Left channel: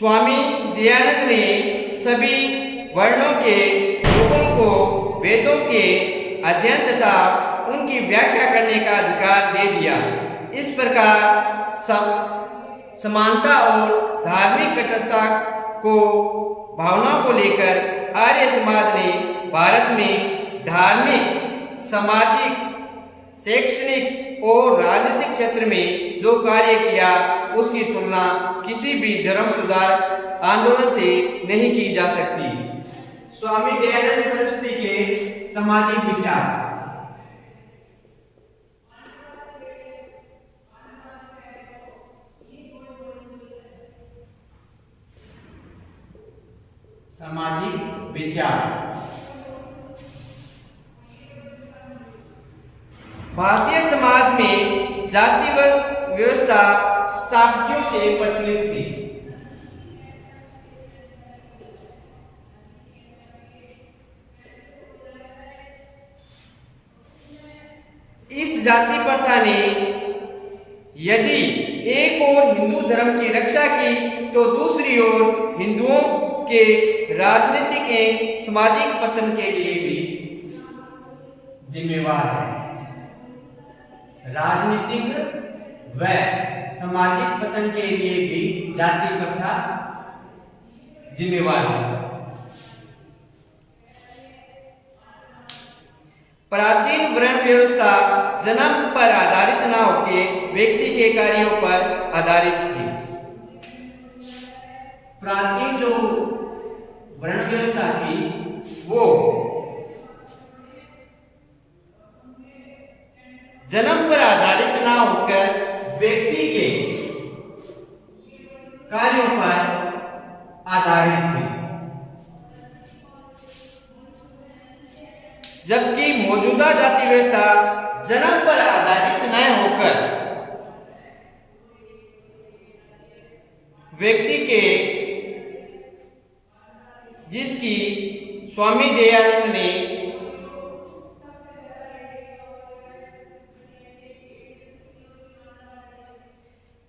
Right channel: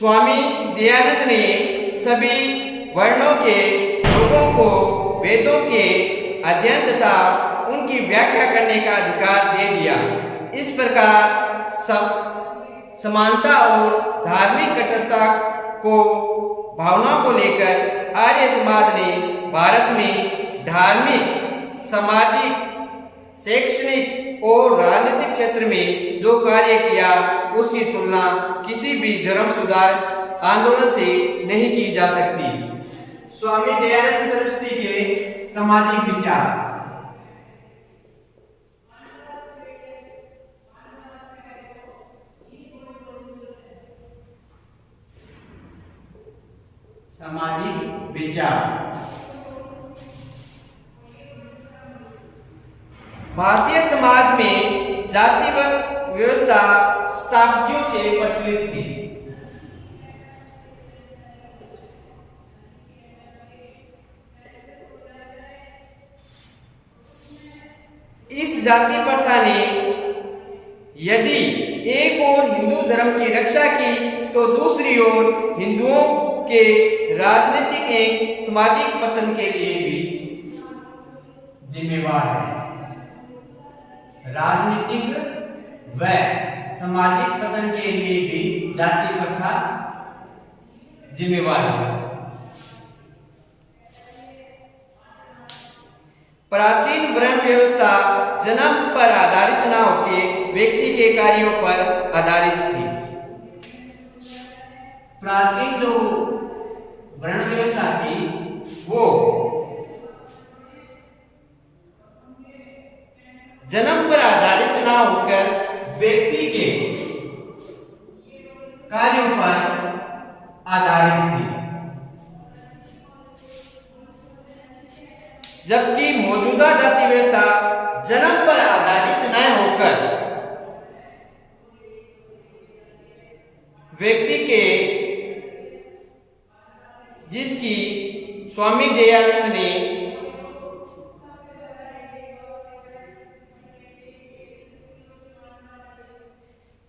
स्वामी दयानंद ने सभी वर्णों के लोगों को वेदों के अध्ययन तथा उनकी व्याख्या करने का अधिकार दे दिया। इस प्रकार समानता और धार्मिक कट्टरता को भावनाओं को लेकर आर्य समाज ने भारत में धार्मिक, सामाजिक, शैक्षणिक और राजनीतिक क्षेत्र में जो कार्य किया उसकी तुलना किसी भी धर्म सुधार आंदोलन से नहीं की जा सकती। स्वामी दयानंद सरस्वती के सामाजिक विचार। सामाजिक विचार। भारतीय समाज में जाति व्यवस्था शताब्दियों से प्रचलित थी। इस जाति प्रथा ने यदि एक ओर हिंदू धर्म की रक्षा की तो दूसरी ओर हिंदुओं के राजनीतिक एवं सामाजिक पतन के लिए भी जिम्मेवार है। राजनीतिक व सामाजिक पतन के लिए भी जाति प्रथा जिम्मेवार है। प्राचीन वर्ण व्यवस्था जन्म पर आधारित न होकर व्यक्ति के कार्यों पर आधारित थी। प्राचीन जो वर्ण व्यवस्था थी वो जन्म पर आधारित ना होकर व्यक्ति के कार्यों पर आधारित थी, जबकि मौजूदा जाति व्यवस्था जन्म पर आधारित न होकर व्यक्ति के, जिसकी स्वामी दयानंद ने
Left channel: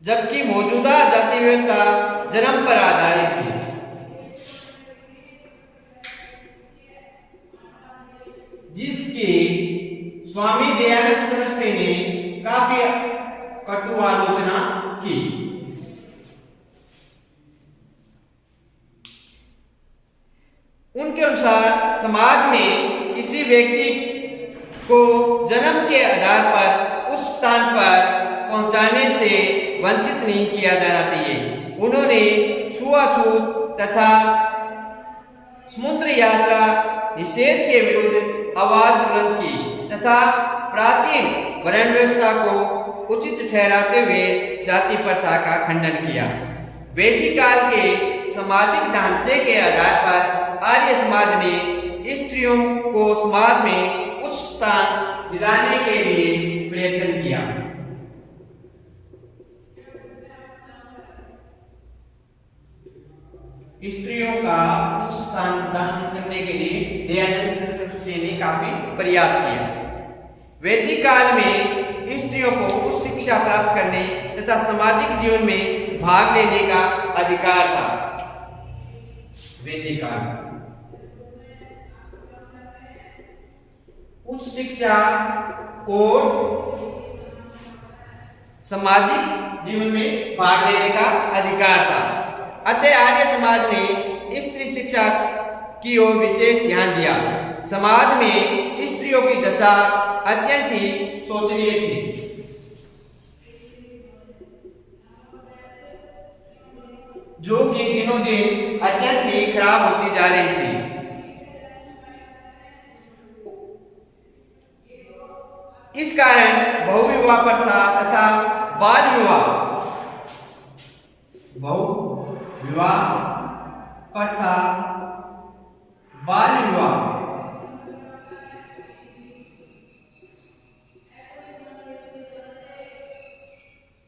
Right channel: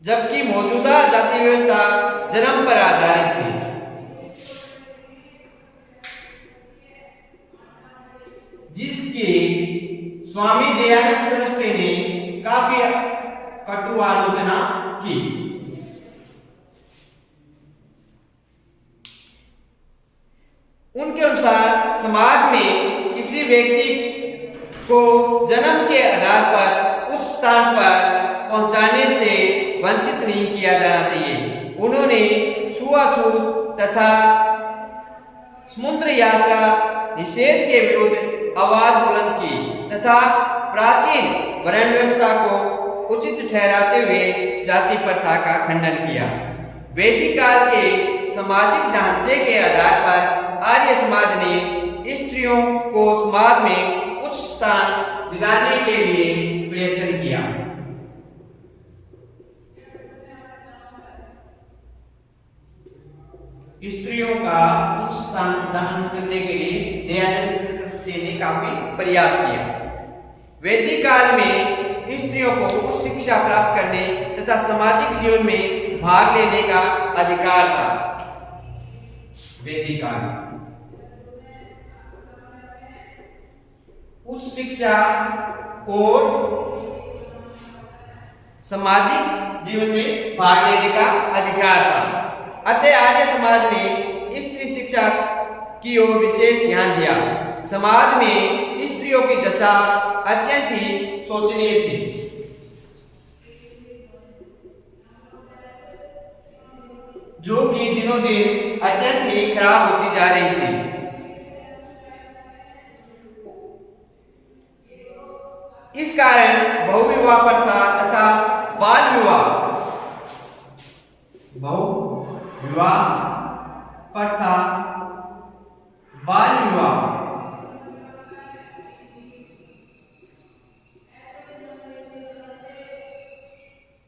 जबकि मौजूदा जाति व्यवस्था जन्म पर आधारित थी, जिसकी स्वामी दयानंद सरस्वती ने काफी कटु आलोचना की। उनके अनुसार समाज में किसी व्यक्ति को जन्म के आधार पर उस स्थान पर पहुंचाने से वंचित नहीं किया जाना चाहिए। उन्होंने छुआछूत तथा समुद्र यात्रा निषेध के विरुद्ध आवाज बुलंद की तथा प्राचीन वर्ण व्यवस्था को उचित ठहराते हुए जाति प्रथा का खंडन किया। वैदिक काल के सामाजिक ढांचे के आधार पर आर्य समाज ने स्त्रियों को समाज में उच्च स्थान दिलाने के लिए प्रयत्न किया। स्त्रियों का उच्च स्थान प्रदान करने के लिए दयानंद सरस्वती ने काफी प्रयास किया। वैदिक काल में स्त्रियों को उच्च शिक्षा प्राप्त करने तथा सामाजिक जीवन में भाग लेने का अधिकार था। वैदिक काल में उच्च शिक्षा और सामाजिक जीवन में भाग लेने का अधिकार था। अतः आर्य समाज ने स्त्री शिक्षा की ओर विशेष ध्यान दिया। समाज में स्त्रियों की दशा अत्यंत ही शोचनीय थी। जो कि दिनों दिन अत्यंत ही खराब होती जा रही थी। इस कारण बहुविवाह प्रथा तथा बाल विवाह प्रथा, बाल विवाह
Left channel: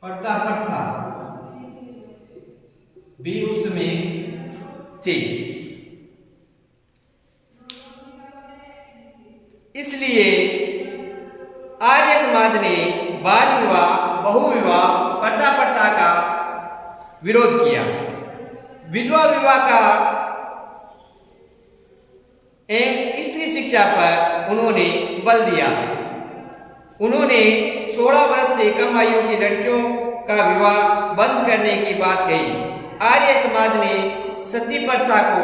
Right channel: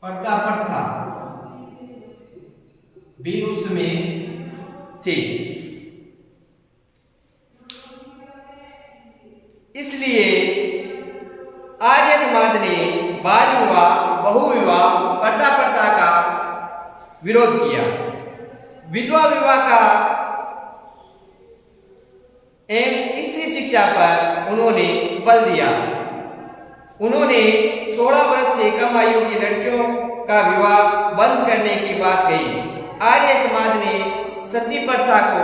प्रथा भी उसमें थी। इसलिए आर्य समाज ने बाल विवाह, बहुविवाह, प्रथा का विरोध किया। विधवा विवाह का एवं स्त्री शिक्षा पर उन्होंने बल दिया। उन्होंने 16 वर्ष से कम आयु की लड़कियों का विवाह बंद करने की बात कही। आर्य समाज ने सती प्रथा को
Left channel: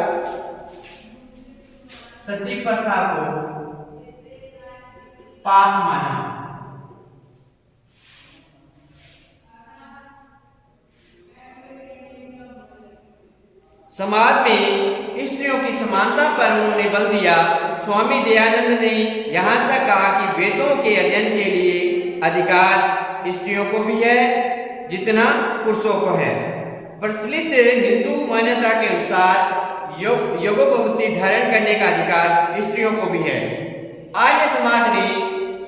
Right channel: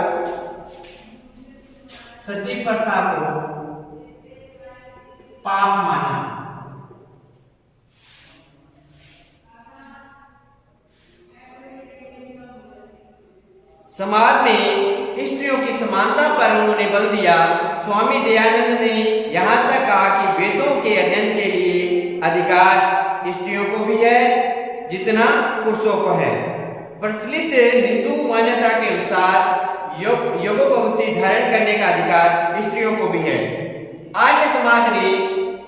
पाप माना। समाज में स्त्रियों की समानता पर उन्होंने बल दिया। स्वामी दयानंद ने यहाँ तक कहा कि वेदों के अध्ययन के लिए अधिकार स्त्रियों को भी है जितना पुरुषों को है। प्रचलित हिंदू मान्यता के अनुसार यज्ञोपवीत धारण करने का अधिकार स्त्रियों को भी है। आर्य समाज ने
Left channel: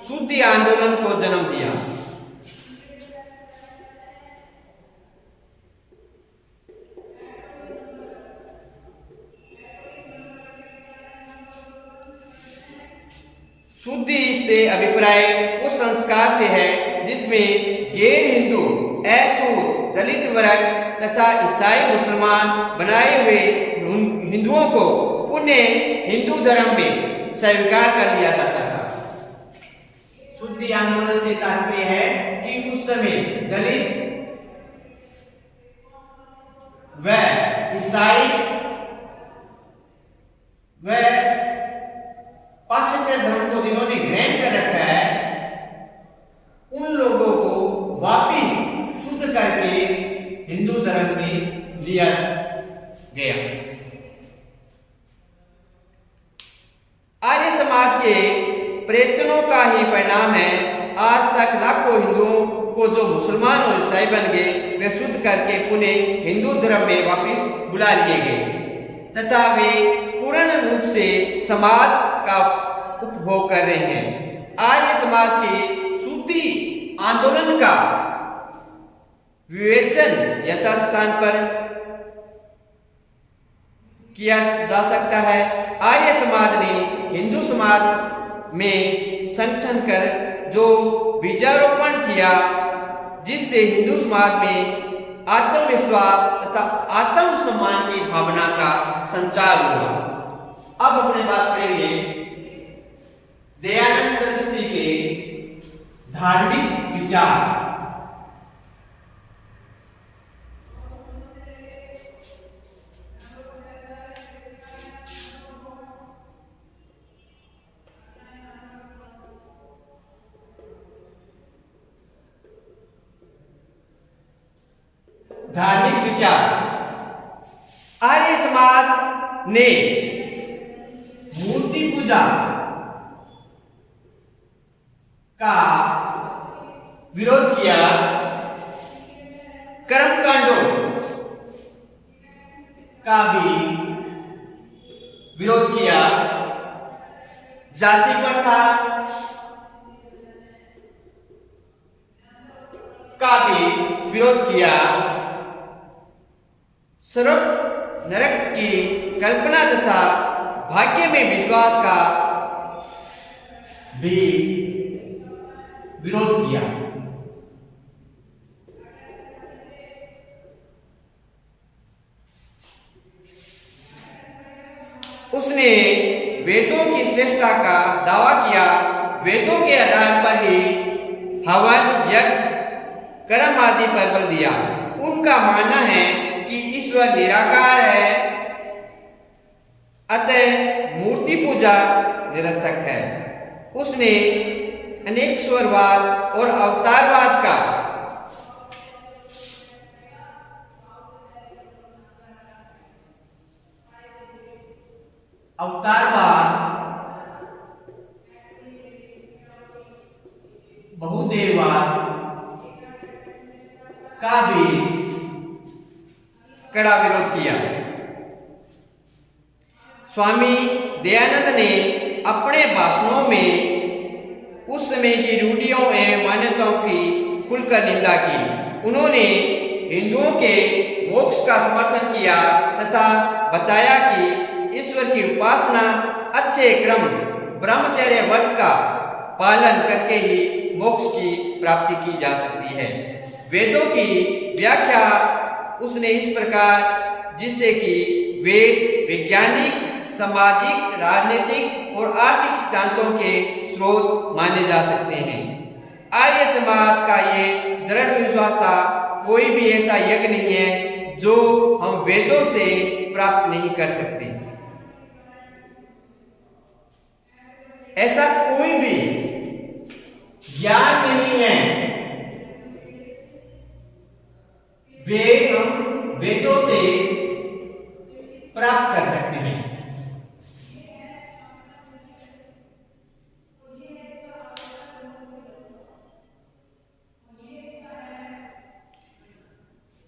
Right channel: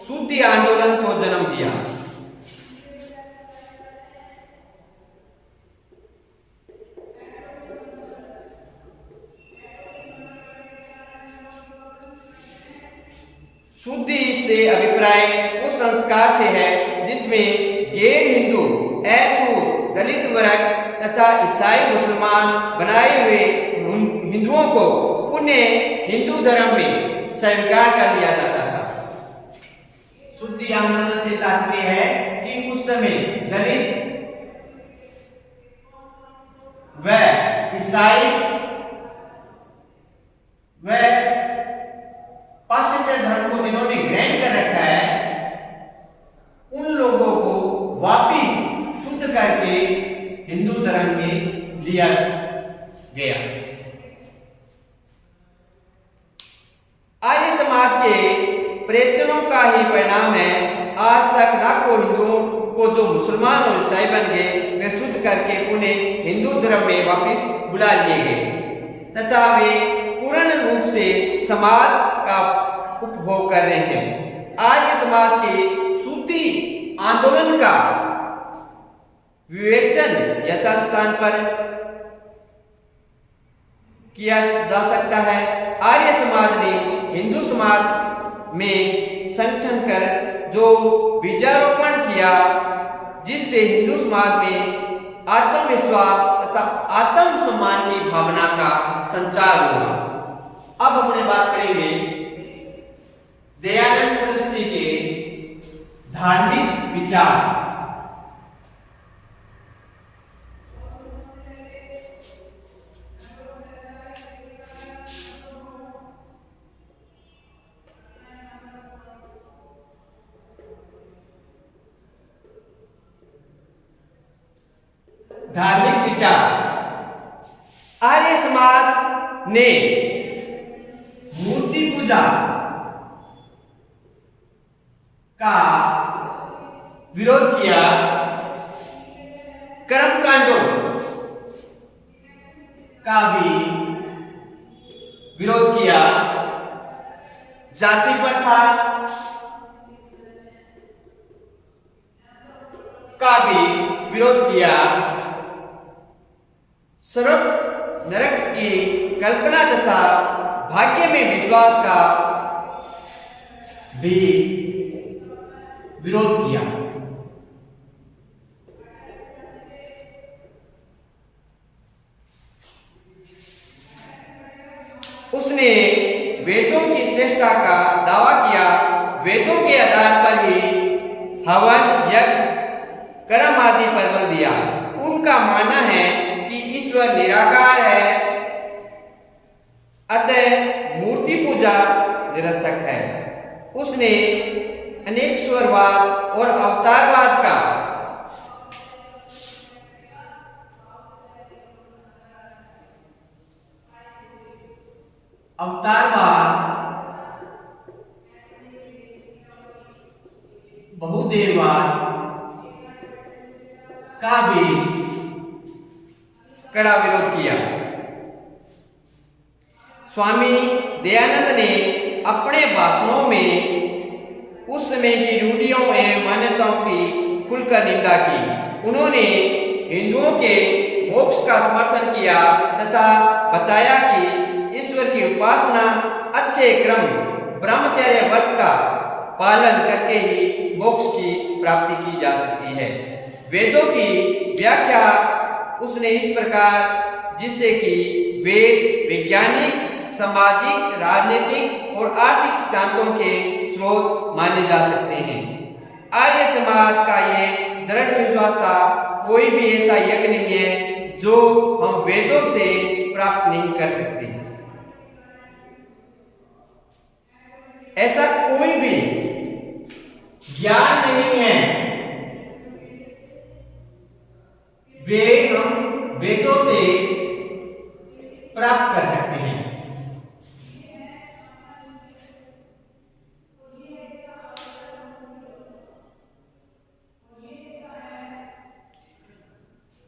शुद्धि आंदोलन को जन्म दिया। शुद्धि से अभिप्राय उस संस्कार से है जिसमें गैर हिंदू, अछूत, दलित वर्ग तथा ईसाई मुसलमान बनाए हुए हिंदुओं को पुण्य हिंदू धर्म में स्वीकार कर लिया जाता था। शुद्धि आंदोलन से तात्पर्य है कि उस समय दलित व ईसाई व पाश्चात्य धर्म को जिन्होंने ग्रहण कर रखा है उन लोगों को वापिस शुद्ध करके हिंदू धर्म में लिया गया। आर्य समाज के प्रयत्नों का ही परिणाम है आज तक लाखों हिंदुओं को जो मुसलमान और ईसाई बन गए वे शुद्ध करके पुनः हिंदू धर्म में वापिस बुला लिए गए तथा वे पूर्ण रूप से समाज का उपभोग कर रहे हैं। आर्य समाज के शुद्धि आंदोलन का विवेचन यथास्थान पर किया जा सकता है। आर्य समाज ने हिंदू समाज में संगठन कर जो बीजारोपण किया जिससे हिंदू समाज में आत्मविश्वास तथा आत्मसम्मान की भावना का संचार हुआ। अब अपने बात करेंगे दयानंद सरस्वती के धार्मिक विचार। धार्मिक विचार। आर्य समाज ने मूर्ति पूजा का विरोध किया, कर्मकांडों का भी विरोध किया, जाति प्रथा का भी विरोध किया, स्वर्ग नरक की कल्पना तथा भाग्य में विश्वास का भी विरोध किया। उसने वेदों की श्रेष्ठता का दावा किया। वेदों के आधार पर ही हवन, यज्ञ, कर्म आदि पर बल दिया। उनका मानना है कि ईश्वर निराकार है, अतः मूर्ति पूजा निरर्थक है। उसने अनेकश्वरवाद और अवतारवाद का बहुदेववाद का भी कड़ा विरोध किया। स्वामी दयानंद ने अपने भाषणों में उस समय की रूढ़ियों एवं मान्यताओं की खुलकर निंदा की। उन्होंने हिंदुओं के मोक्ष का समर्थन किया तथा बताया कि ईश्वर की उपासना अच्छे क्रम ब्रह्मचर्य व्रत का पालन करके ही मोक्ष की प्राप्ति की जा सकती है। वेदों की व्याख्या उसने इस प्रकार जिससे कि वेद वैज्ञानिक, सामाजिक, राजनीतिक और आर्थिक सिद्धांतों के स्रोत माने जा सकते हैं। आर्य समाज का ये दृढ़ विश्वास था, कोई भी ऐसा यज्ञ नहीं है जो हम वेदों से प्राप्त नहीं कर सकते। ऐसा कोई भी ज्ञान नहीं है वे हम वेदों से प्राप्त कर सकते हैं।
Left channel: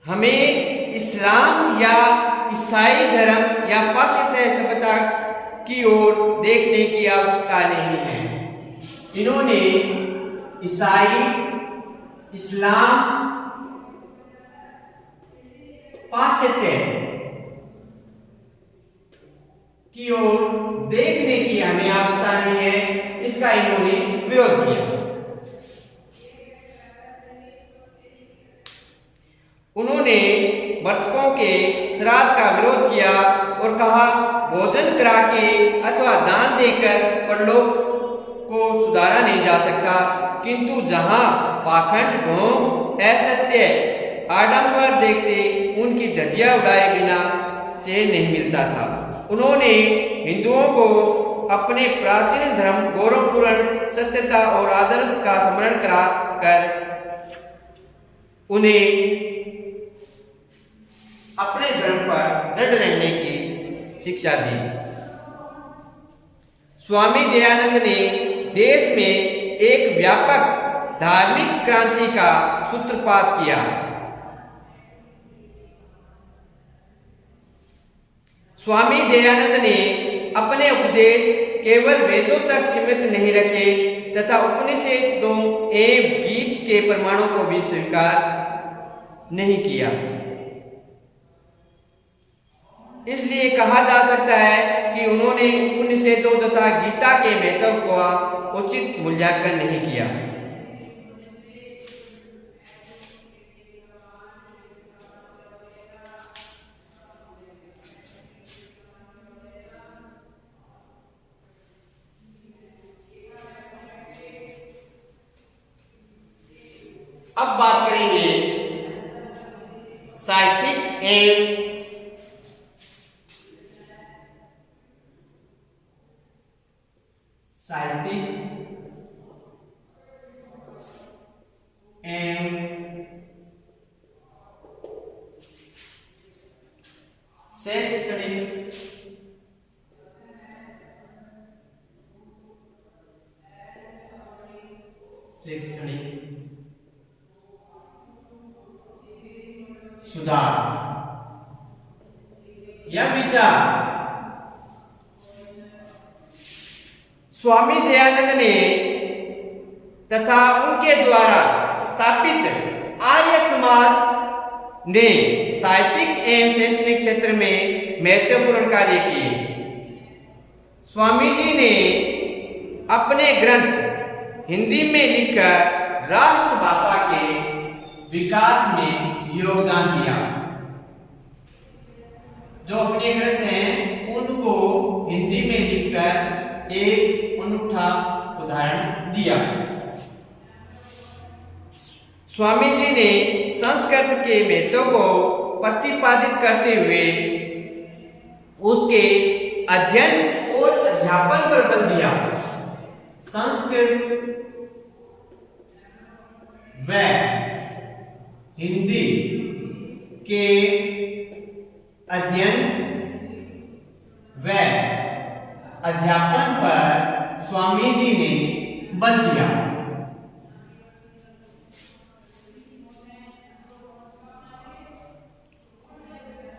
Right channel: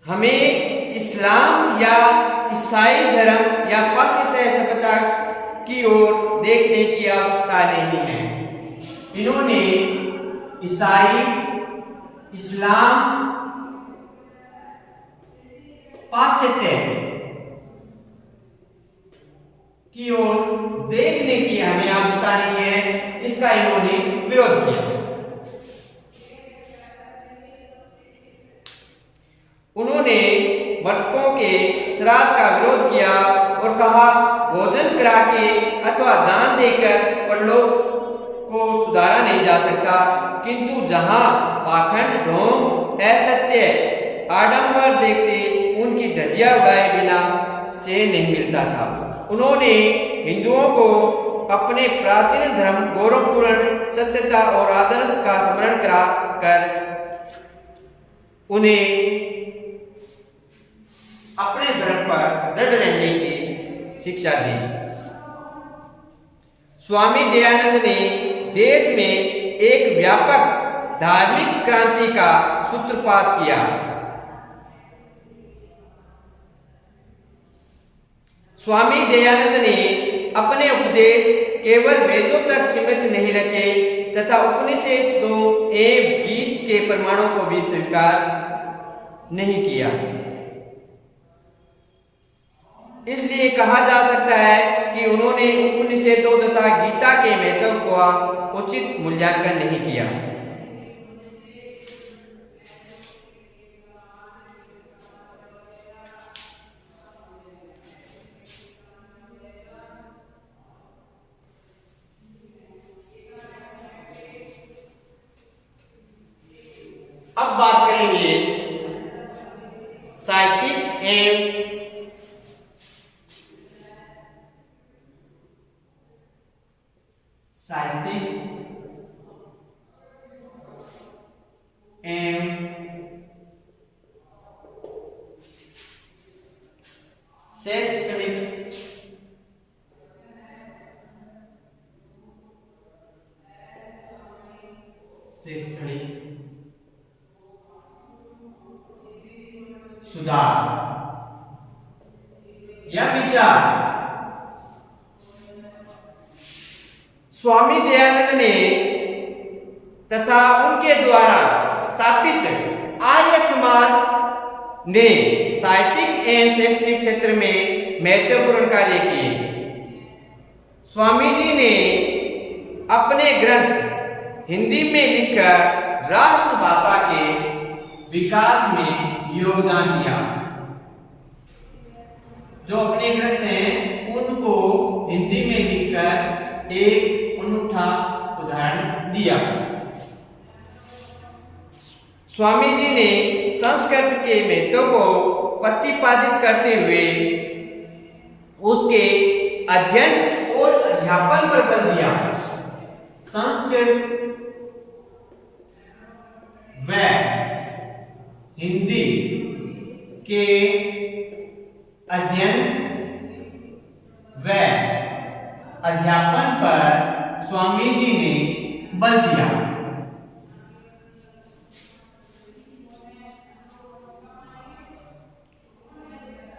हमें इस्लाम या ईसाई धर्म या पाश्चात्य सभ्यता की ओर देखने की आवश्यकता नहीं है। इन्होंने ईसाई, इस्लाम, पाश्चात्य की ओर देखने की हमें आवश्यकता नहीं है, इसका इन्होंने विरोध किया। उन्होंने मृतकों के श्राद्ध का विरोध किया और कहा, भोजन करा के अथवा दान देकर परलोक को सुधारा नहीं जा सकता, किंतु जहां पाखंड, ढोंग, असत्य, आडंबर देखते उनकी धज्जियां उड़ाए बिना चैन नहीं मिलता था। उन्होंने हिंदुओं को अपने प्राचीन धर्म, गौरवपूर्ण सत्यता और आदर्श का स्मरण करा कर उन्हें अपने धर्म पर दृढ़ रहने की शिक्षा दी। स्वामी दयानंद ने देश में एक व्यापक धार्मिक क्रांति का सूत्रपात किया। स्वामी दयानंद ने अपने उपदेश केवल वेदों तक सीमित नहीं रखे तथा उपनिषदों एवं गीत के प्रमाणों को भी स्वीकार नहीं किया। इसलिए कहा जा सकता है कि उन्होंने उपनिषदों तथा गीता के महत्व का उचित मूल्यांकन नहीं किया। अब बात करेंगे साहित्यिक एवं शैक्षणिक सुधार या विचार। स्वामी दयानंद ने तथा उनके द्वारा स्थापित आर्य समाज ने साहित्यिक एवं शैक्षणिक क्षेत्र में महत्वपूर्ण कार्य किए। स्वामी जी ने अपने ग्रंथ हिंदी में लिखकर राष्ट्रभाषा के विकास में योगदान दिया। जो अपने ग्रंथ हैं उनको हिंदी में लिखकर एक अनूठा उदाहरण दिया। स्वामी जी ने संस्कृत के महत्व को प्रतिपादित करते हुए उसके अध्ययन और अध्यापन पर बल दिया। संस्कृत व हिंदी के अध्ययन व अध्यापन पर स्वामी जी ने बल दिया।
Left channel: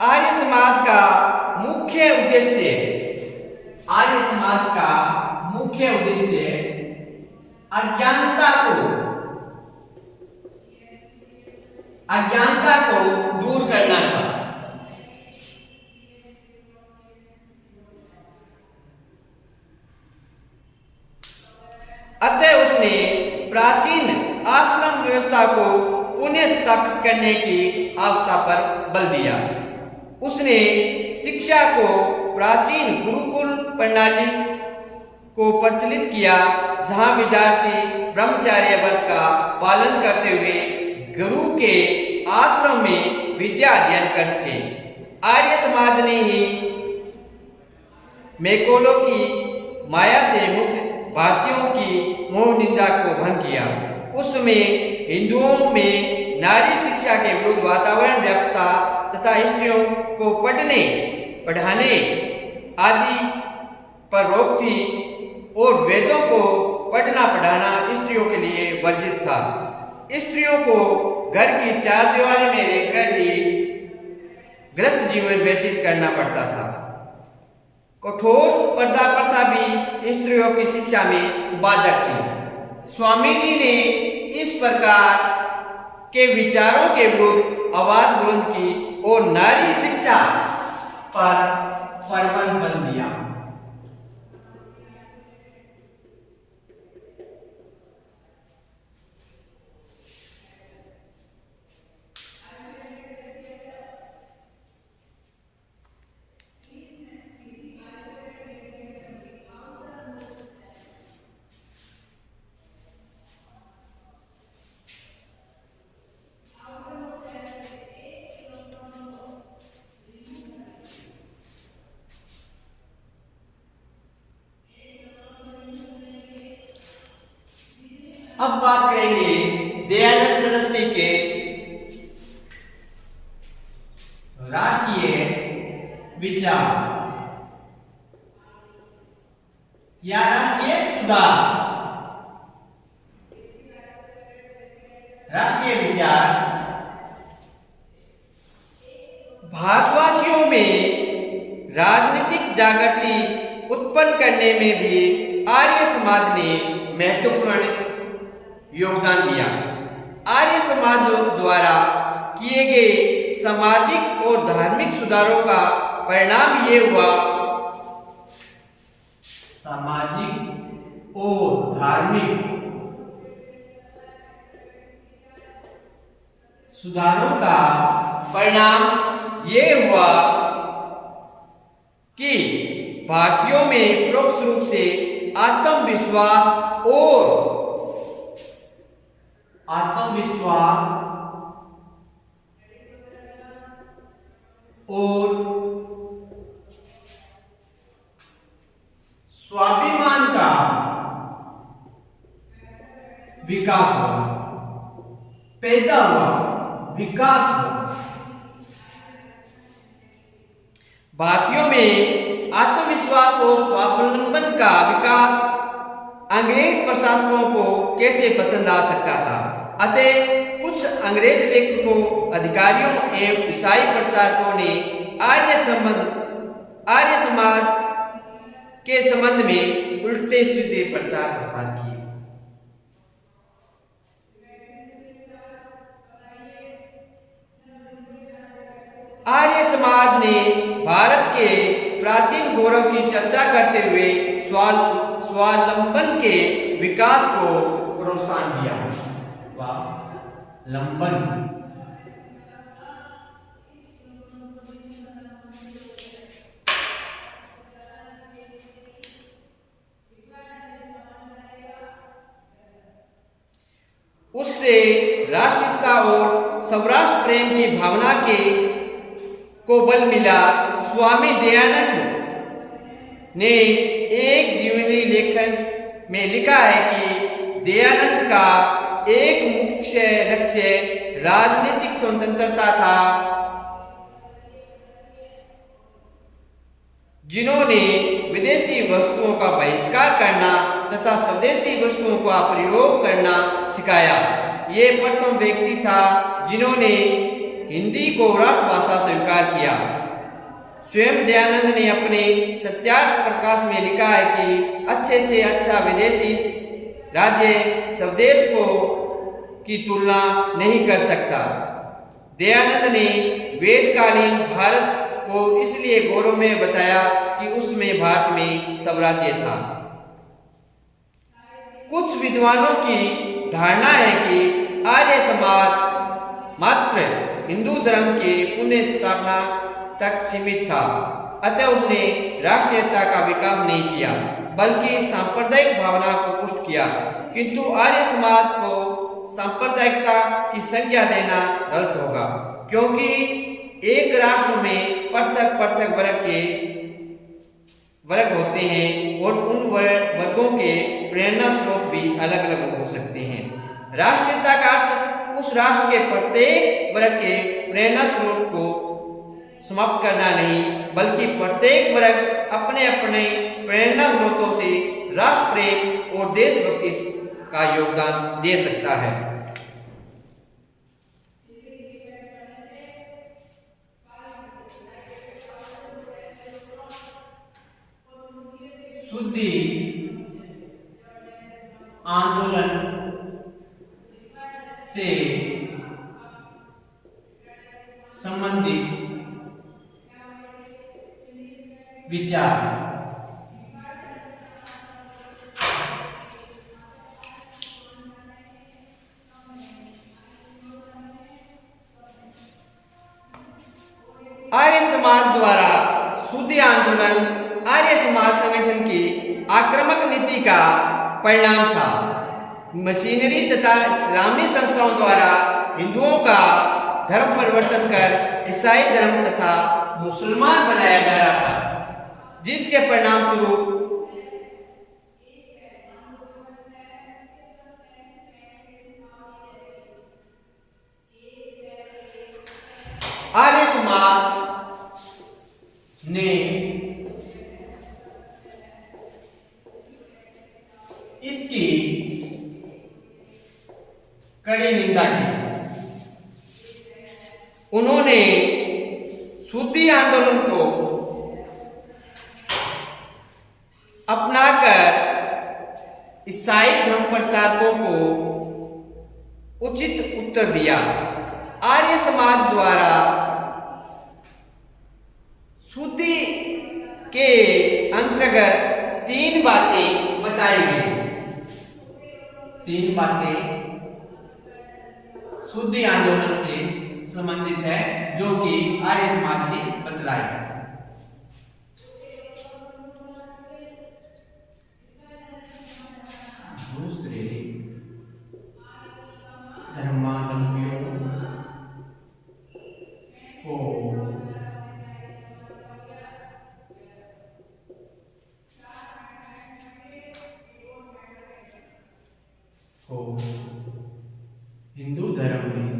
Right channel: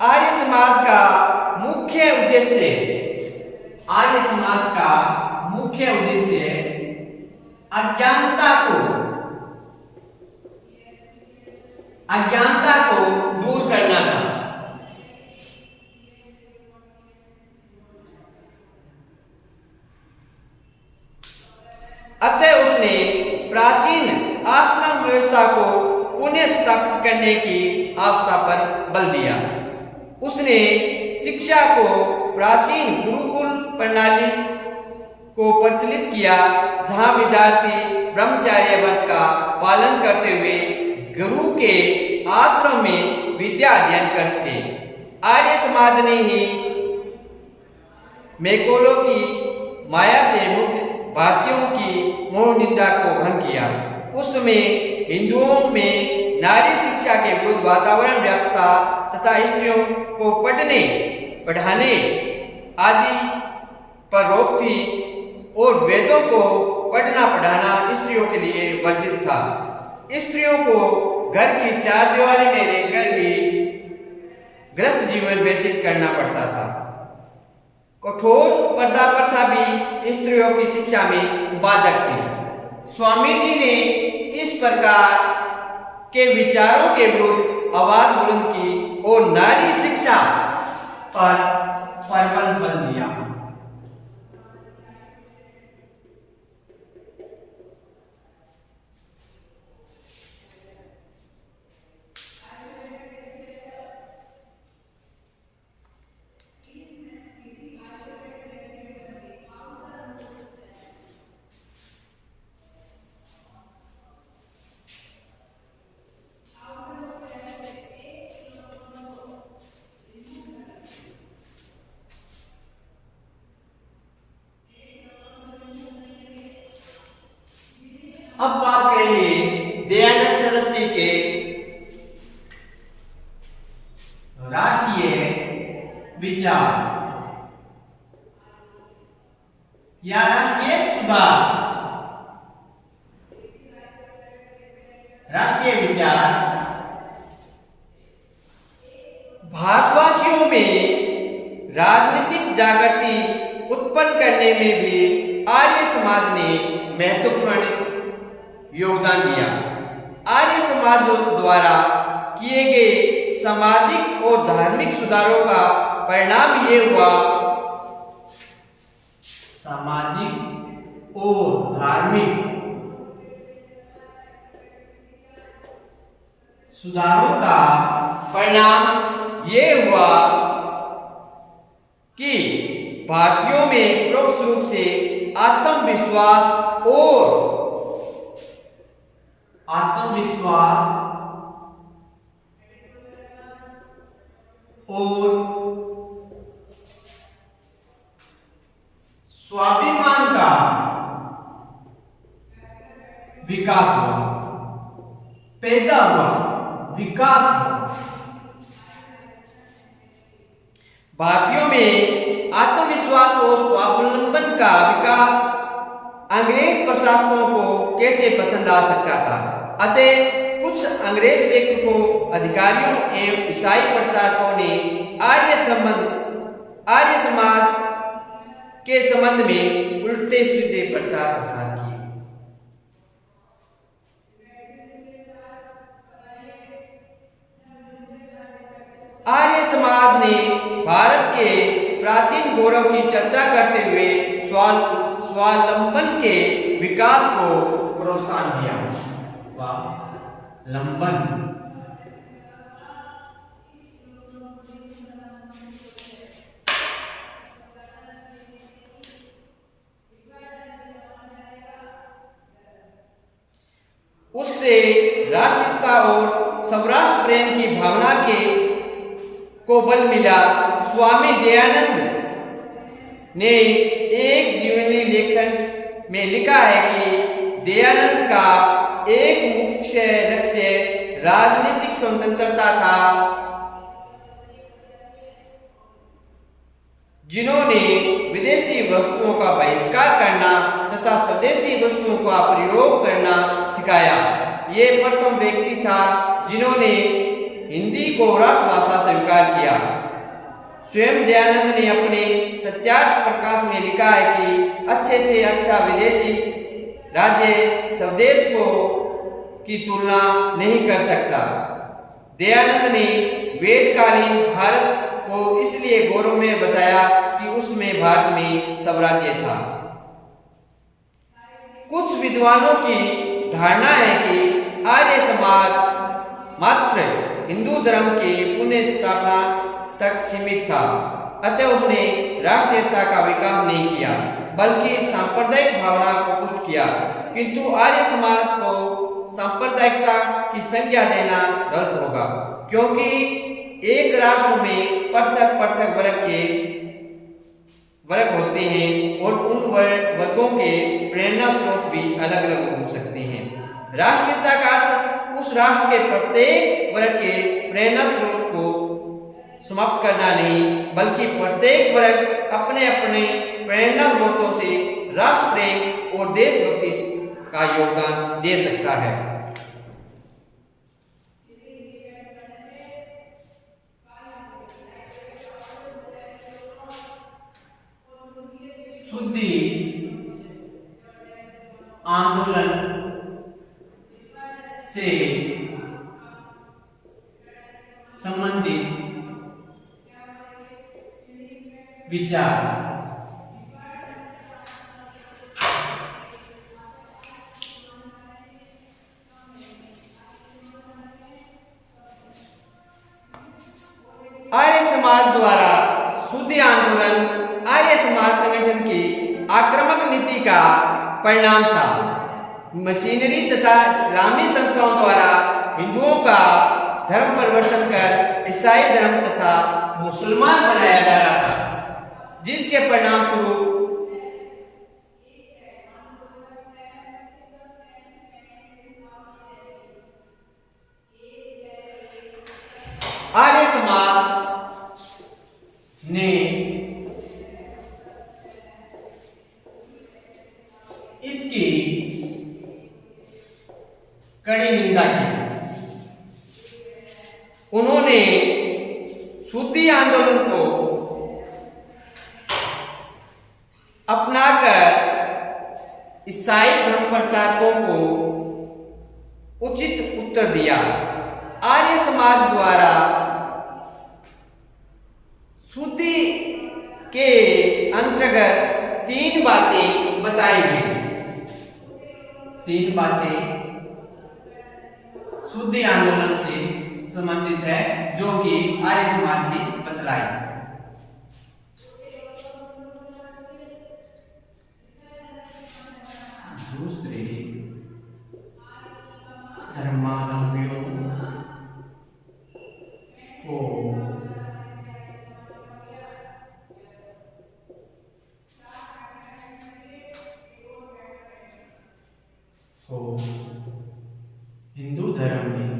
आर्य समाज का मुख्य उद्देश्य अज्ञानता को दूर करना था। अतः उसने प्राचीन आश्रम व्यवस्था को पुनः स्थापित करने की आवश्यकता पर बल दिया। उसने शिक्षा को प्राचीन गुरुकुल प्रणाली को प्रचलित किया, जहां विद्यार्थी ब्रह्मचर्य व्रत का पालन करते हुए गुरु के आश्रम में विद्या अध्ययन कर सके। आर्य समाज ने ही मैकोलों की माया से मुक्त भारतीयों की मोह निंदा को भंग किया। उस समय हिंदुओं में नारी शिक्षा के विरुद्ध वातावरण व्याप्त तथा स्त्रियों को पढ़ने पढ़ाने आदि पर रोक थी और वेदों को पढ़ना पढ़ाना स्त्रियों के लिए वर्जित था। स्त्रियों को घर की चार दीवारी में रहकर ही गृहस्थ जीवन व्यतीत करना पड़ता था। कठोर पर्दा प्रथा भी स्त्रियों की शिक्षा में बाधक थी। स्वामी जी ने इस प्रकार के विचारों के विरुद्ध आवाज बुलंद की और नारी शिक्षा पर प्रतिबंध दिया। अब बात करेंगे दयानंद सरस्वती के राष्ट्रीय विचार या राष्ट्रीय सुधार। राष्ट्रीय विचार भारतवासियों में राजनीतिक जागृति उत्पन्न करने में भी आर्य समाज ने महत्वपूर्ण योगदान दिया। आर्य समाज द्वारा किए गए सामाजिक और धार्मिक सुधारों का परिणाम ये हुआ, सामाजिक और धार्मिक सुधारों का परिणाम ये हुआ कि भारतीयों में परोक्ष रूप से आत्मविश्वास और स्वाभिमान का विकास हुआ, पैदा हुआ, विकास हुआ। भारतीयों में आत्मविश्वास और स्वावलंबन का विकास अंग्रेज प्रशासकों को कैसे पसंद आ सकता था। अतः कुछ अंग्रेज लेखकों, अधिकारियों एवं ईसाई प्रचारकों ने आर्य समाज के संबंध में उल्टे सीधे प्रचार प्रसार किए। आर्य समाज ने भारत के प्राचीन गौरव की चर्चा करते हुए स्वावलंबन के विकास को प्रोत्साहन दिया। स्वावलंबन उससे राष्ट्रीयता और स्वराष्ट्र प्रेम की भावना को बल मिला। स्वामी दयानंद ने एक जीवनी लेखन में लिखा है कि दयानंद का एक मुख्य लक्ष्य राजनीतिक स्वतंत्रता था, जिन्होंने विदेशी वस्तुओं का बहिष्कार करना तथा स्वदेशी वस्तुओं का प्रयोग करना सिखाया। ये प्रथम व्यक्ति था जिन्होंने हिंदी को राष्ट्रभाषा स्वीकार किया। स्वयं दयानंद ने अपने सत्यार्थ प्रकाश में लिखा है कि अच्छे से अच्छा विदेशी राज्य स्वदेश की तुलना नहीं कर सकता। दयानंद ने वेदकालीन भारत को इसलिए गौरवमय बताया कि उसमें भारत में स्वराज्य था। कुछ विद्वानों की धारणा है कि आर्य समाज मात्र हिंदू धर्म की पुनः स्थापना तक सीमित था, अतः उसने राष्ट्रीयता का विकास नहीं किया बल्कि सांप्रदायिक भावना को पुष्ट किया। किंतु आर्य समाज को सांप्रदायिकता की संज्ञा देना गलत होगा, क्योंकि एक राष्ट्र में पृथक पृथक वर्ग होते हैं और उन वर्गों के प्रेरणा स्रोत भी अलग अलग हो सकते हैं। राष्ट्रीयता का अर्थ उस राष्ट्र के प्रत्येक वर्ग के प्रेरणा स्रोत को समाप्त करना नहीं, बल्कि प्रत्येक वर्ग अपने अपने प्रेरणा स्रोतों से राष्ट्र प्रेम और देशभक्ति का योगदान दे सकता है। शुद्धि आंदोलन से संबंधित विचार। आर्य समाज द्वारा शुद्धि आंदोलन आर्य समाज संगठन की आक्रामक नीति का परिणाम था। मशीनरी तथा इस्लामी संस्थाओं द्वारा हिंदुओं का धर्म परिवर्तन कर ईसाई धर्म तथा मुसलमान बनाया जा रहा था, जिसके परिणाम स्वरूप आर्य समाज ने इसकी कड़ी निंदा की। उन्होंने शुद्धि आंदोलन को अपनाकर ईसाई धर्म प्रचारकों को उचित उत्तर दिया। आर्य समाज द्वारा शुद्धि के अंतर्गत 3 बातें बताई गई। 3 बातें शुद्धि आंदोलन से संबंधित है जो कि आर्य समाज ने बतलाई। दूसरे धर्मावलंबियों को हिंदू धर्म में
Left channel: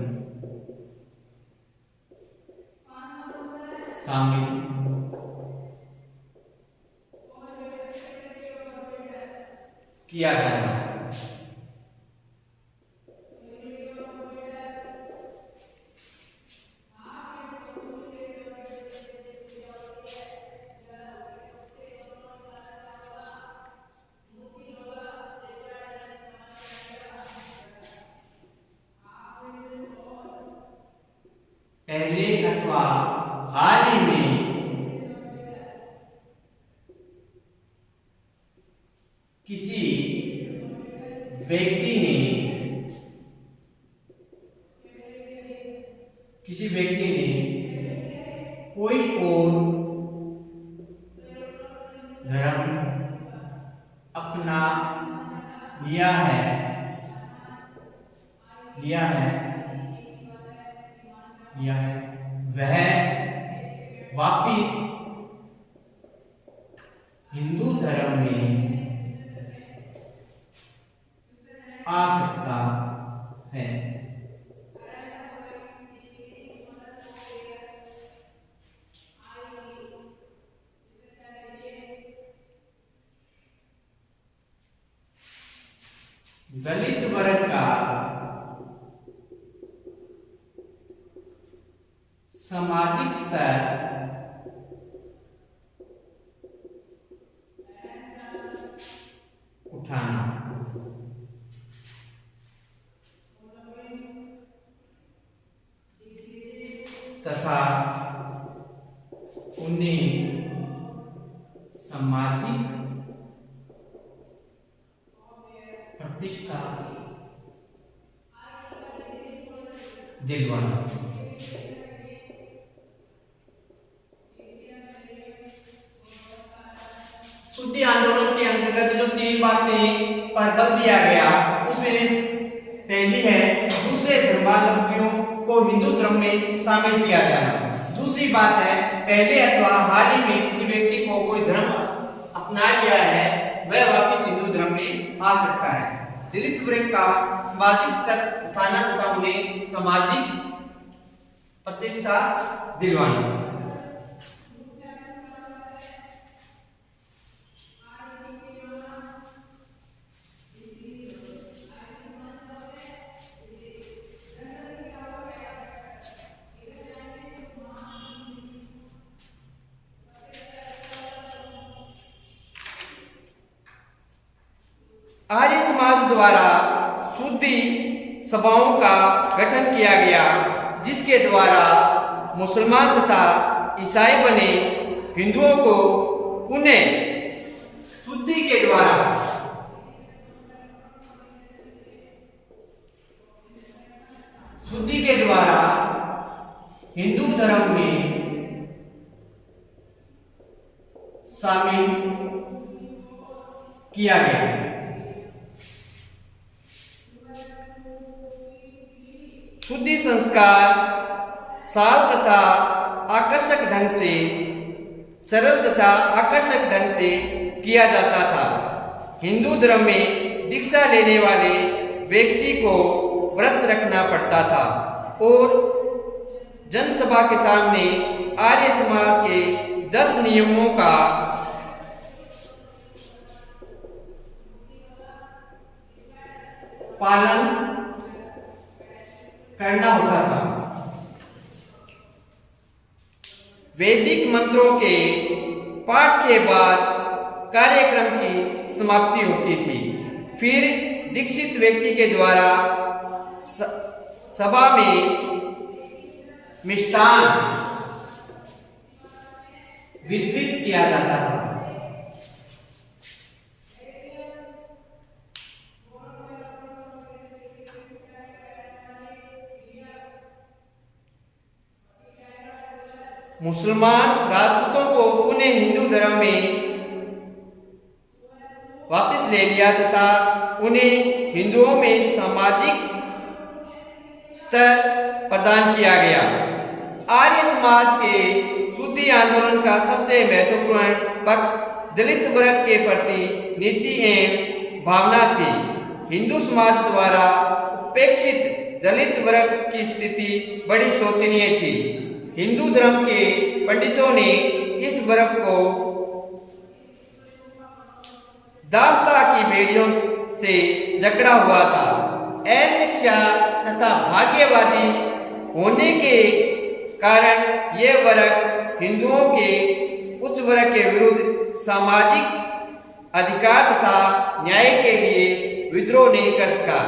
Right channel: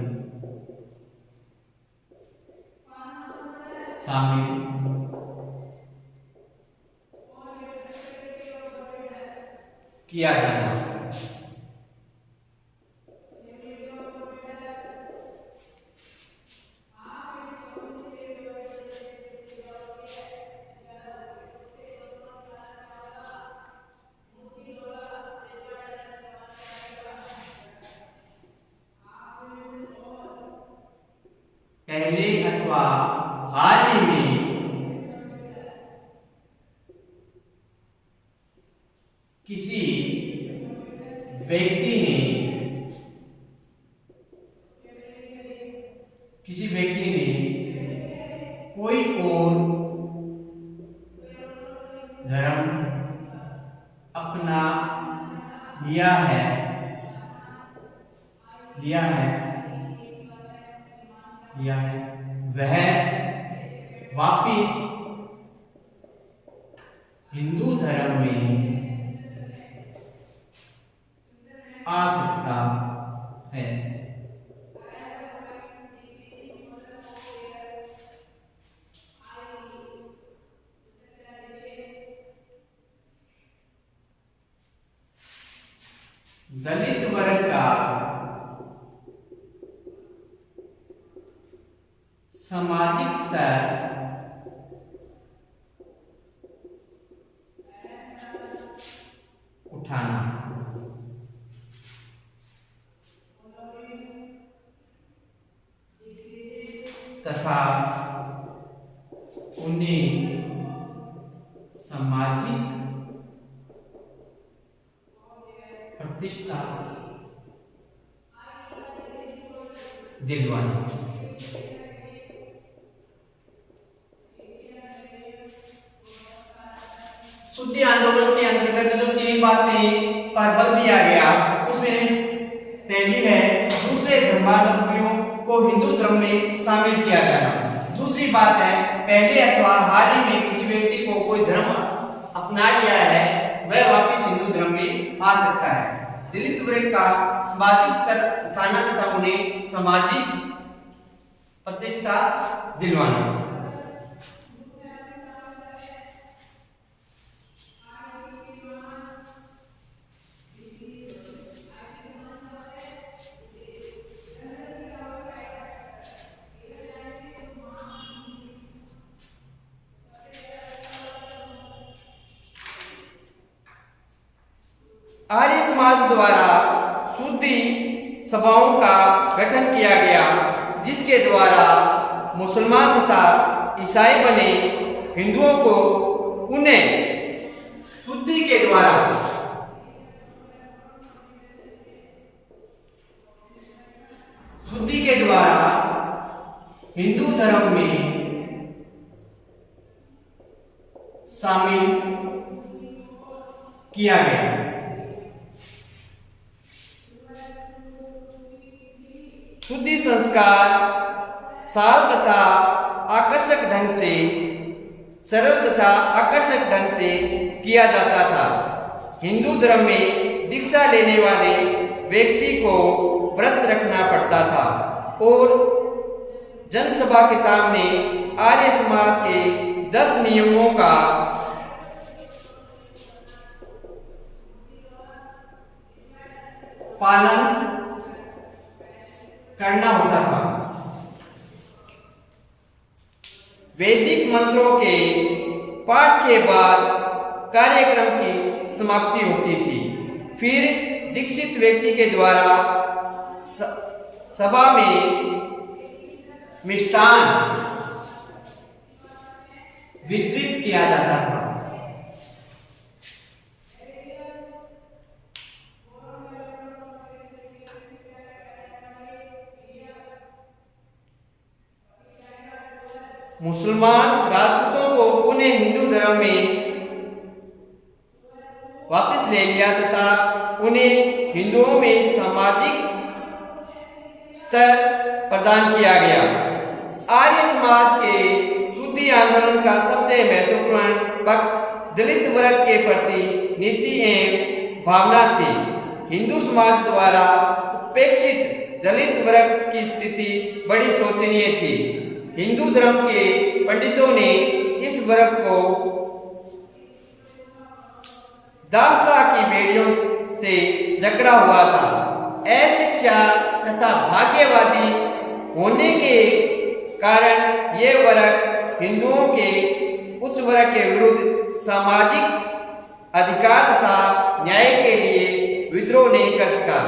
शामिल किया जाना। पहले अथवा हाल ही में किसी व्यक्ति ने कोई और धर्म अपना लिया है वह वापिस हिंदू धर्म में आ सकता है। दलित वर्ग का सामाजिक स्तर उठाना तथा उन्हें सामाजिक प्रतिष्ठा दिलवाना। आंदोलन के अंतर्गत जो 3 बातें पर बल दिया गया, उसमें पहली है दूसरे धर्मावलंबियों को हिंदू धर्म में शामिल किया जाना। दूसरी बात है पहले अथवा हाल ही में किसी व्यक्ति को कोई धर्म अपना लिया है वह वापस हिंदू धर्म में आ सकता है। दलित वर्ग का सामाजिक स्तर उठाना तथा उन्हें सामाजिक प्रतिष्ठा दिलवाना। आर्य समाज द्वारा शुद्धि सभाओं का गठन किया गया, जिसके द्वारा मुसलमान तथा ईसाई बने हिंदुओं को उन्हें शुद्धि के द्वारा हिंदू धर्म में शामिल किया गया। शुद्धि संस्कार सरल तथा आकर्षक ढंग से किया जाता था। हिंदू धर्म में दीक्षा लेने वाले व्यक्ति को व्रत रखना पड़ता था और जनसभा के सामने आर्य समाज के 10 नियमों का पालन करना होता था। वैदिक मंत्रों के पाठ के बाद कार्यक्रम की समाप्ति होती थी। फिर दीक्षित व्यक्ति के द्वारा सभा में मिष्टान वितरित किया जाता था। मुसलमान राजपूतों को पुनः हिंदू धर्म में वापस ले लिया तथा उन्हें हिंदुओं में सामाजिक स्तर प्रदान किया गया। आर्य समाज के शुद्धि आंदोलन का सबसे महत्वपूर्ण पक्ष दलित वर्ग के प्रति नीति एवं भावना थी। हिंदू समाज द्वारा उपेक्षित दलित वर्ग की स्थिति बड़ी शोचनीय थी। हिंदू धर्म के पंडितों ने इस वर्ग को दास्ता की बेड़ियों से जकड़ा हुआ था। अशिक्षा तथा भाग्यवादी होने के कारण ये वर्ग हिंदुओं के उच्च वर्ग के विरुद्ध सामाजिक अधिकार तथा न्याय के लिए विद्रोह नहीं कर सका।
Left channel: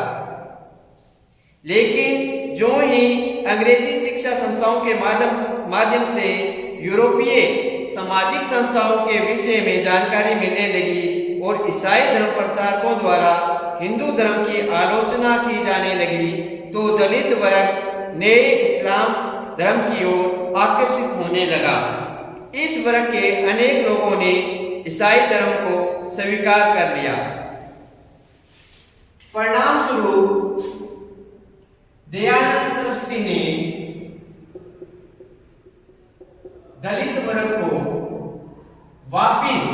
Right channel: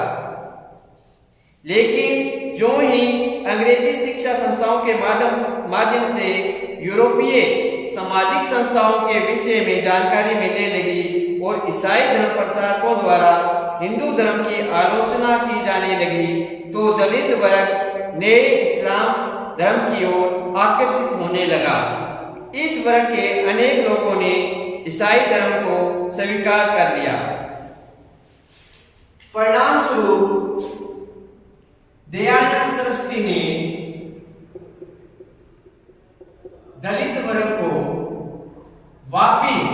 लेकिन जो ही अंग्रेजी शिक्षा संस्थाओं के माध्यम से यूरोपीय सामाजिक संस्थाओं के विषय में जानकारी मिलने लगी और ईसाई धर्म प्रचारकों द्वारा हिंदू धर्म की आलोचना की जाने लगी, तो दलित वर्ग नए इस्लाम धर्म की ओर आकर्षित होने लगा। इस वर्ग के अनेक लोगों ने ईसाई धर्म को स्वीकार कर लिया। परिणाम स्वरूप दयानंद सरस्वती ने दलित वर्ग को वापिस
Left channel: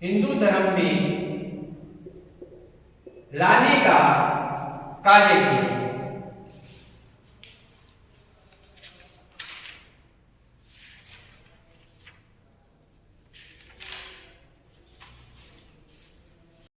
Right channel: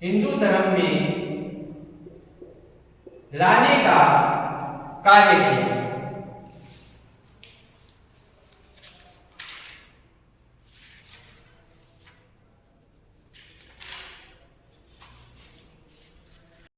हिंदू धर्म में लाने का कार्य किया।